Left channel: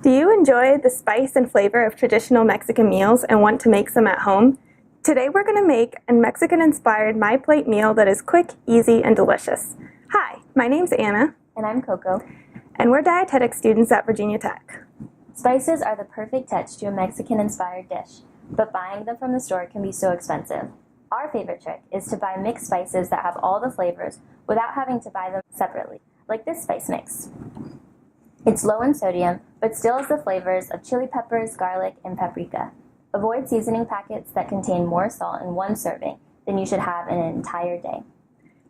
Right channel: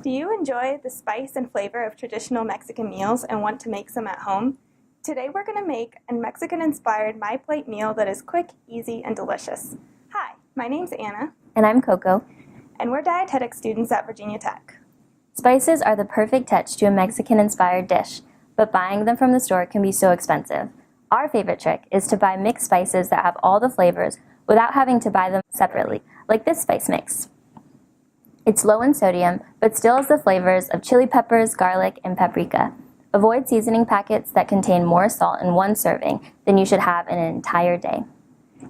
Do you enjoy the spice and flavor of traditional Mexican meals and want to make some at home? Today we're going to make a Mexican-inspired MyPlate meal that is quick, easy, and delicious. Hi, my name's Anna. And I'm Coco. And we're dietetic students at Virginia Tech. Spices are the perfect touch to a Mexican-inspired dish, but buying them from the store can be so expensive. Our favorite trick is to buy mixed spices that have all the flavors without having to buy them separately, like this spice mix. It's low in sodium, but still has the flavors of chili peppers, garlic, and paprika. Avoid seasoning packets that contain more salt in one serving than you should have in an entire day.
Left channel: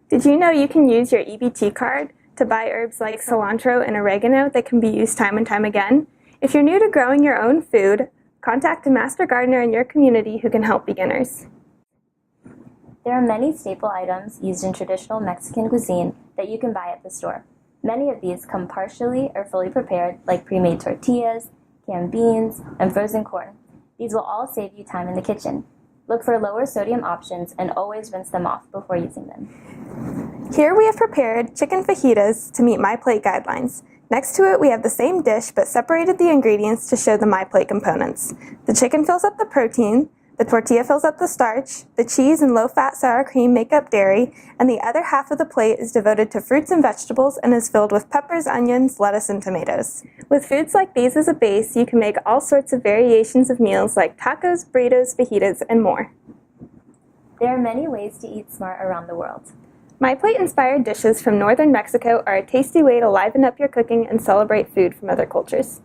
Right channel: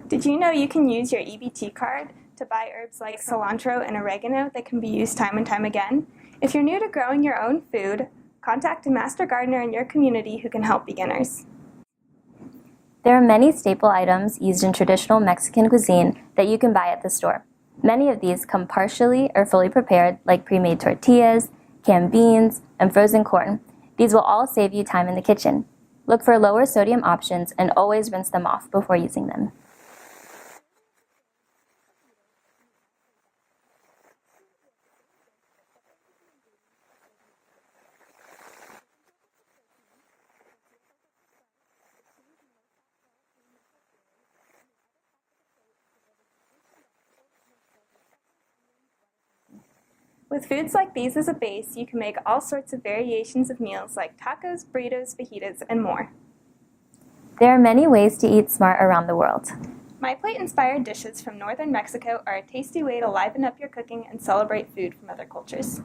Did you know you can use your EBT card to buy herbs like cilantro and oregano that can be used time and time again? If you're new to growing your own food, contact a master gardener in your community who can help beginners. There are many staple items used in traditional Mexican cuisine that you can buy at the store. Many of these come partially or fully prepared, like pre-made tortillas, canned beans, and frozen corn. These will all save you time in the kitchen. Look for lower sodium options and always rinse them off before using them. Here we have prepared chicken fajitas to meet MyPlate guidelines. Next to it we have the same dish but separated the ingredients to show the MyPlate components. The chicken fills up the protein, the tortilla fills up the starch, the cheese and low-fat sour cream make up dairy, and the other half of the plate is devoted to fruits and vegetables and is filled with peppers, onions, lettuce, and tomatoes. With foods like these as a base, you can make all sorts of variations of meals like tacos, burritos, fajitas, and more. There are many ways to eat smart around the world. MyPlate-inspired dishes from northern Mexico are a tasty way to liven up your cooking and celebrate food from other cultures.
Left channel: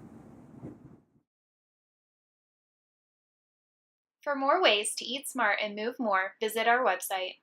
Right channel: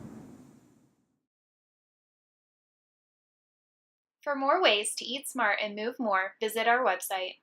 For more ways to eat smart and move more, visit our website.